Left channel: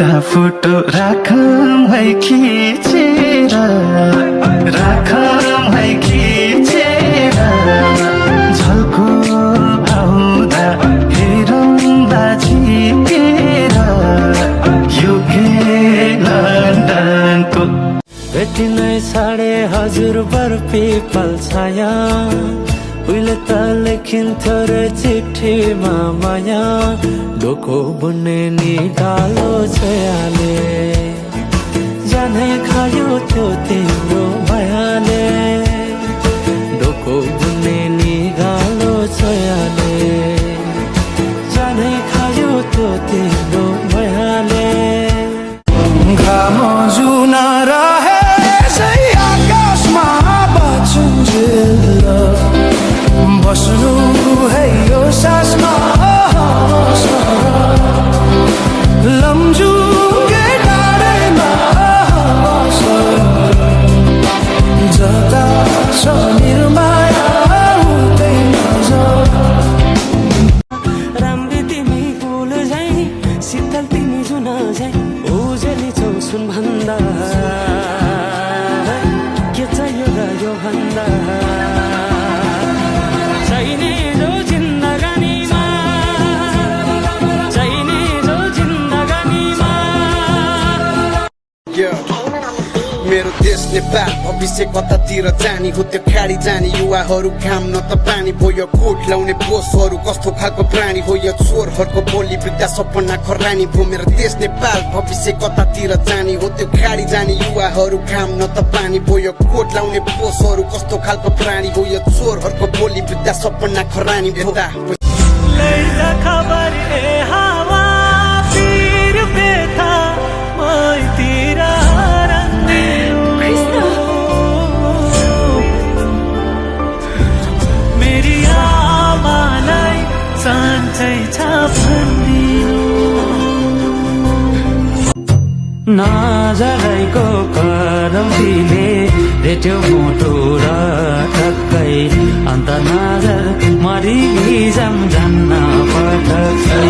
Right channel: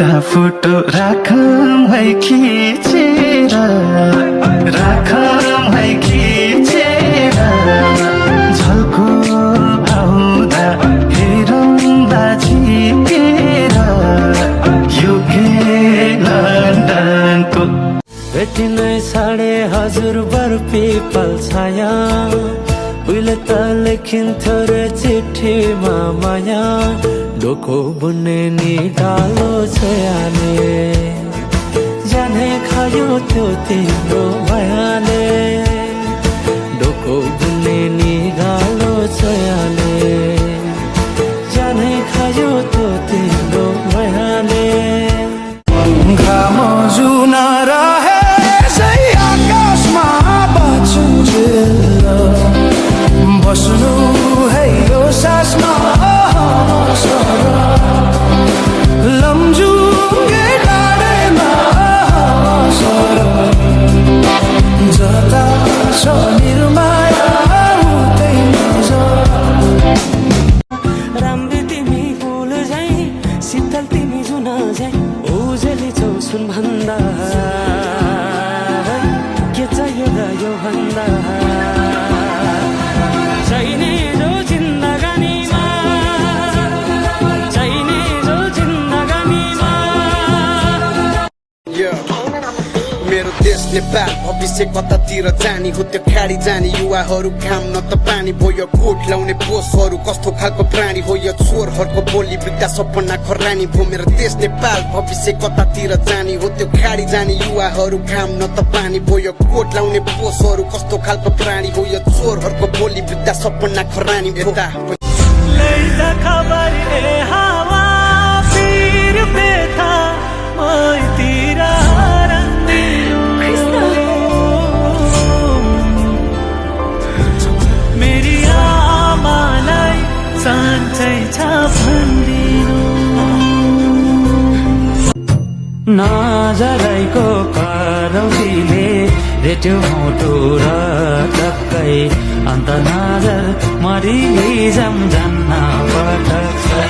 एउटा फोटो राखौँ है खिचेर झल्को आउँदा हेरौँला झिकेर UK लन्डनको भेटिनै छाडे हजुर बर पिपल छाया उहिले त लेखिन्थ्यो रे चिठीमा माया डोको बुन्ने नि डालो छोयाले जाने खायो त्यो तिम्रो मायाले डोको बुन्ने नि गालो छोयाले जाने खायो त्यो तिम्रो मायाले घाम जुन रहे आकाशमा बाँचुन्जेल बस्नु है यो सासमा लम्जुङ्गे डाँडैमा जता छ निर्माया उतै नजर राम्री तिमी फुल झै शीतल तिमी जुन झै उजेली छौ सुन भन्दा के चाहियो र यो भन्दा चाहिने जो जिन्दगानीमा चाहिने जो जिन्दगानीमा मेरो देश नेपाल भविष्य कतातिर जाने हो त्यो खाडी जाने युवाहरू घाम न त पानी भयो कोट लाउने पोसहरू कस्तो खालको प्राणी हो यो चोरहरूको बोली वृद्ध सपना खरानी भो मेरो देश नेपाल भविष्य कतातिर जाने हो त्यो खाडी जाने युवाहरू घाम न त पानी भयो कोट लाउने पोसहरू कस्तो खालको प्राणी हो यो चोरहरूको बोली वृद्ध सपना खरानी भो लैजा खबर ए हावा फिर बेथा मैतिर मेरी आमालाई सन्चै छ भन्दिनु नजरैको करौँसीले रेट्यो मुटु र टक्कै अन्त नजर मरिजाम जान्न पटक्कै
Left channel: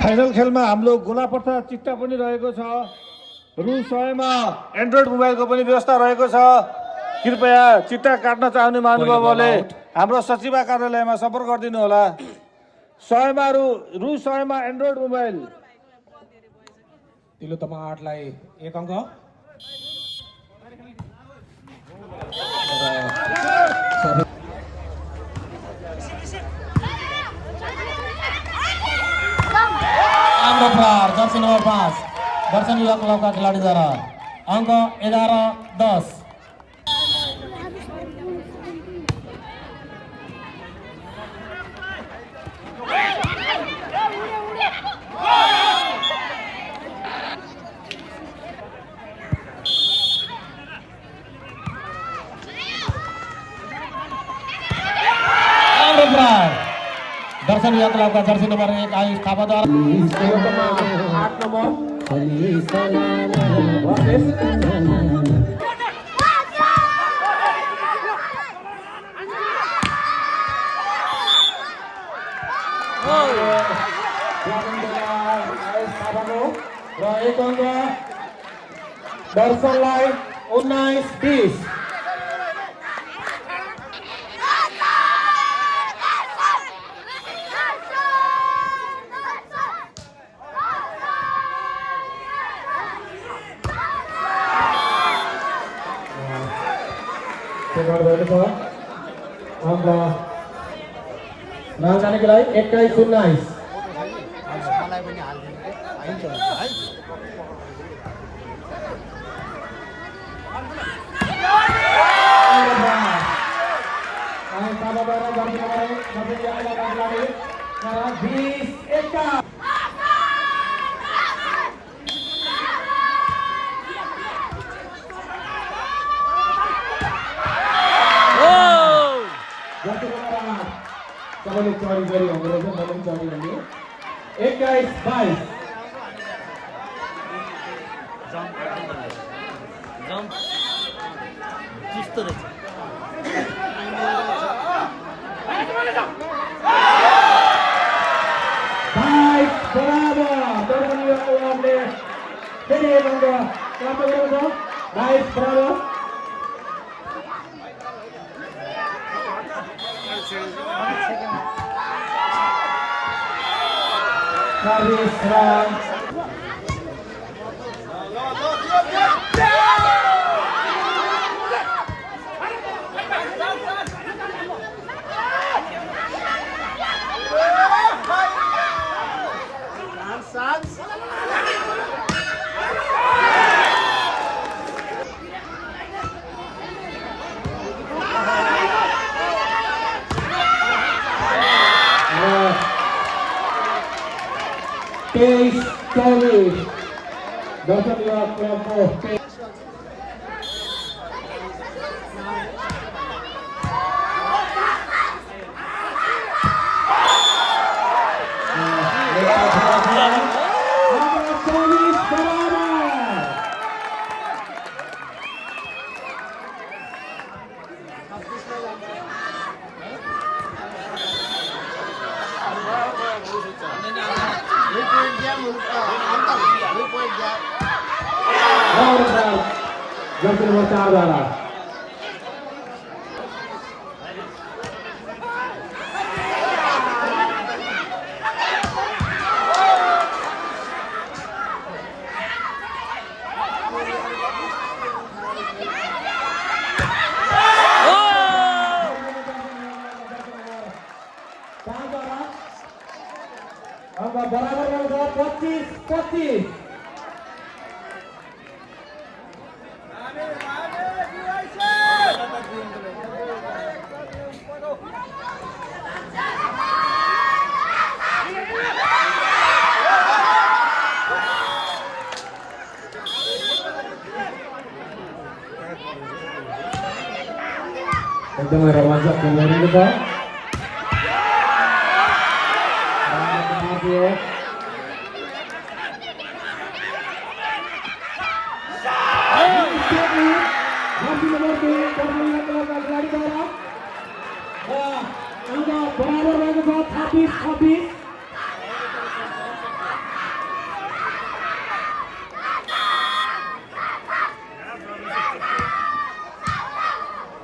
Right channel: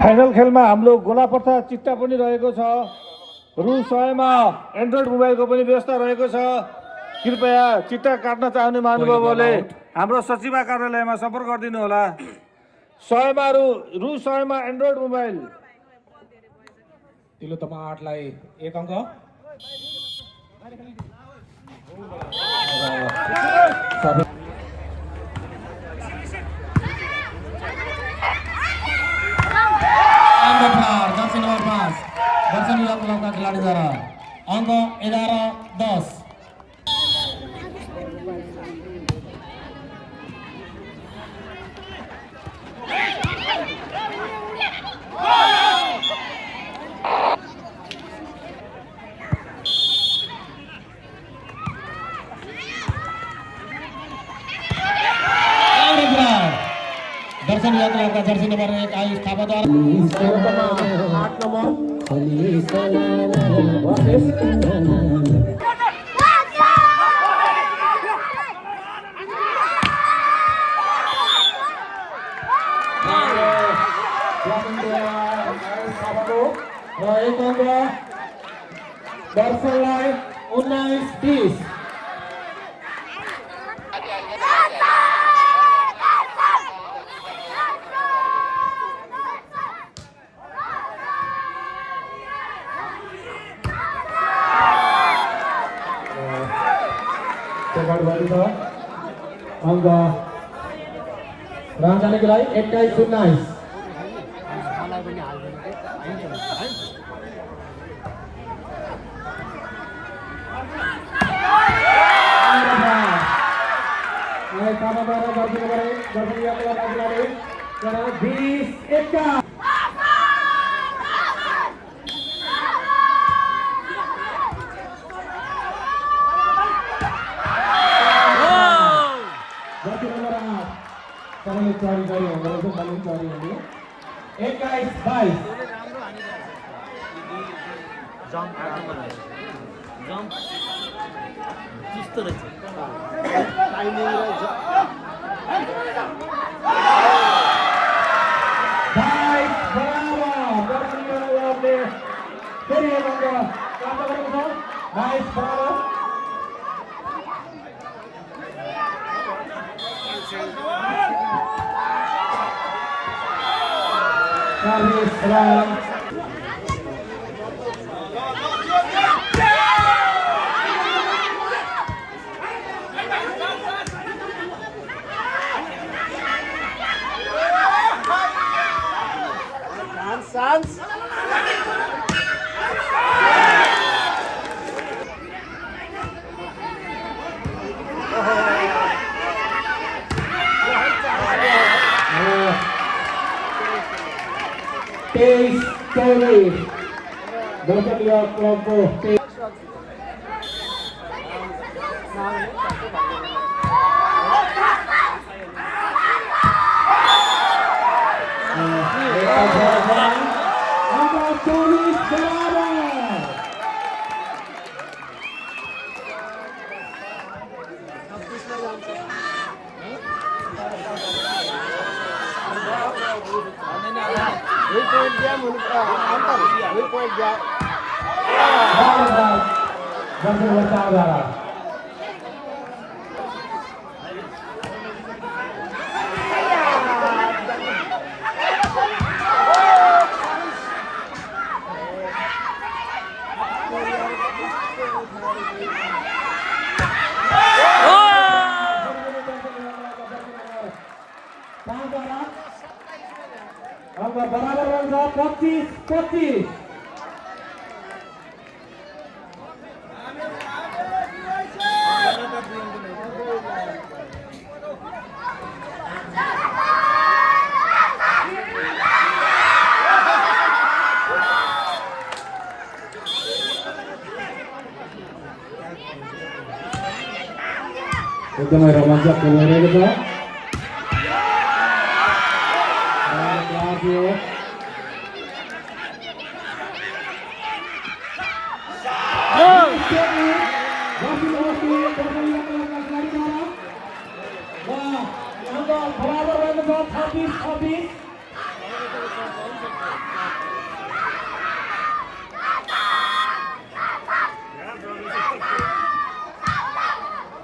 फाइनल खेलमा हाम्रो गोलापर्था चिट्टा पनि रहेको छ रु 100 मा एन्ड्रोइड मोबाइलको पनि व्यवस्था रहेको छ कृपया चिट्टा काट्न चाहने महानुभावले हाम्रो सचिव कार्यालयमा सम्पर्क गरिदिनु होला 100 मा रु 100 मा एन्ड्रोइड मोबाइल तिलो तपाईँ 8 लाई 1 अङ्क दर्शन नंबर 5 दर्शन युवा क्लब का खिलाड़ी द्वारा अंक 11-10 दर्शन युवा क्लब का जर्सी नंबर 1 आयुष थापा द्वारा 8 नंबर दर्शन लाइन 19-20 राजधानीको लागि 21-19 मलाई पनि हाल्दिनु के आइन्छ है Sorry, जम्प त्यस्तो रहेछ एकदमै रोमाञ्चक खेल रहेको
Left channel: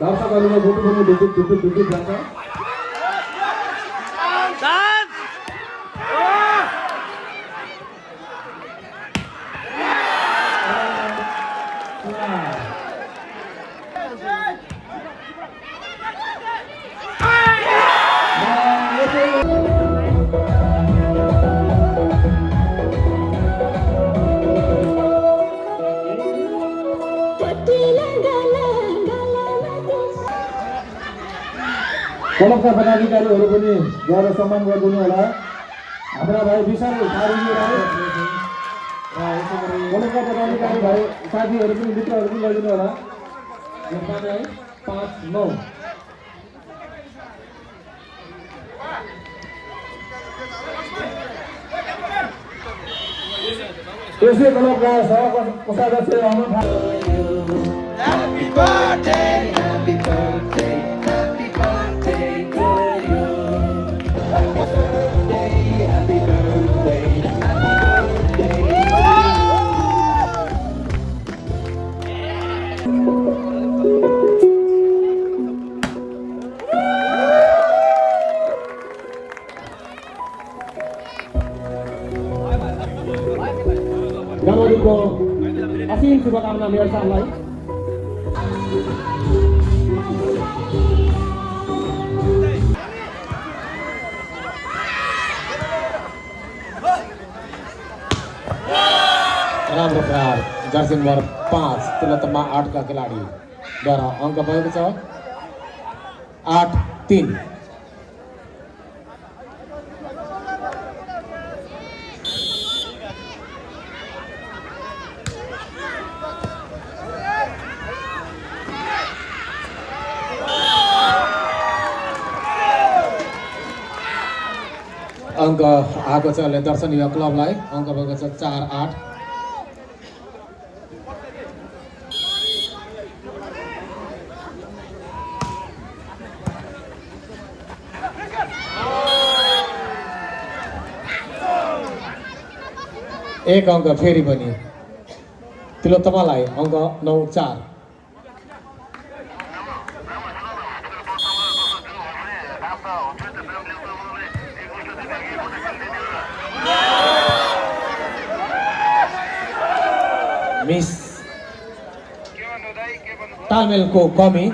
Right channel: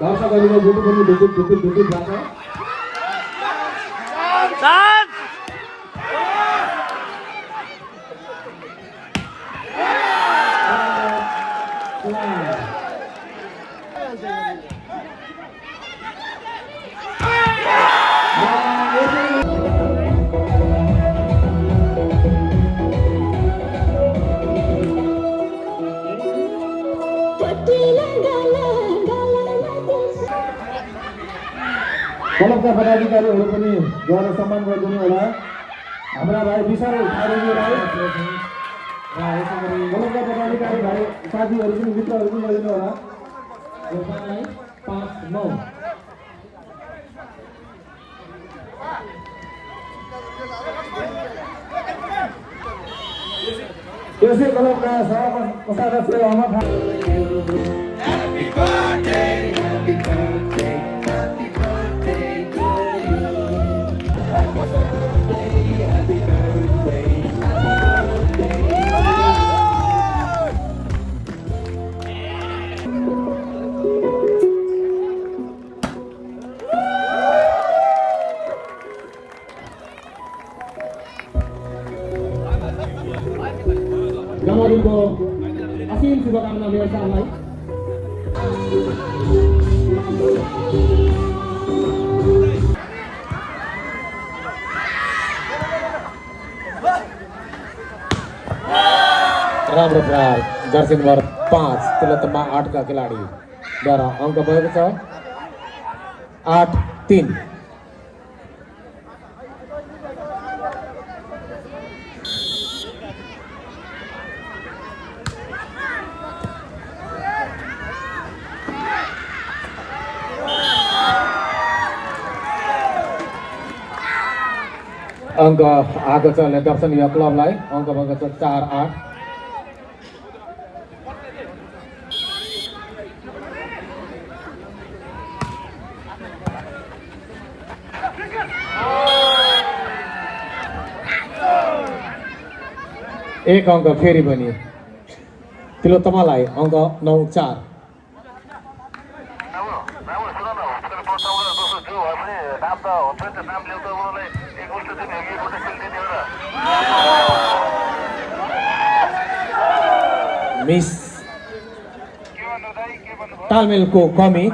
दर्शकहरूले बुटु पनि ढुकुट जान्छ क्लबका पदाधिकारीहरू पनि ज्यादा सम्मान गरिदिनु होला हाम्रा भाइ विशाल क्लबका पदाधिकारी भाइ साथीहरू पनि मित्रहरू पनि गरिदिनु होला 5-9 त्यसै क्लबका सदस्य अहमद जन्मदिनको असीम शुभकामना मेरो साथलाई राम्रो प्रहार जर्सी नम्बर 5 तिलोत्तमा 8 का खेलाडी द्वारा अङ्क भएको छ 8-3 अङ्क आएको छ दर्शन युवा क्लबलाई अङ्क भएको छ 4-8 1 अङ्क फेरि पनि तिलोत्तमालाई अङ्क 9-4। मिस तालमेलको कमी।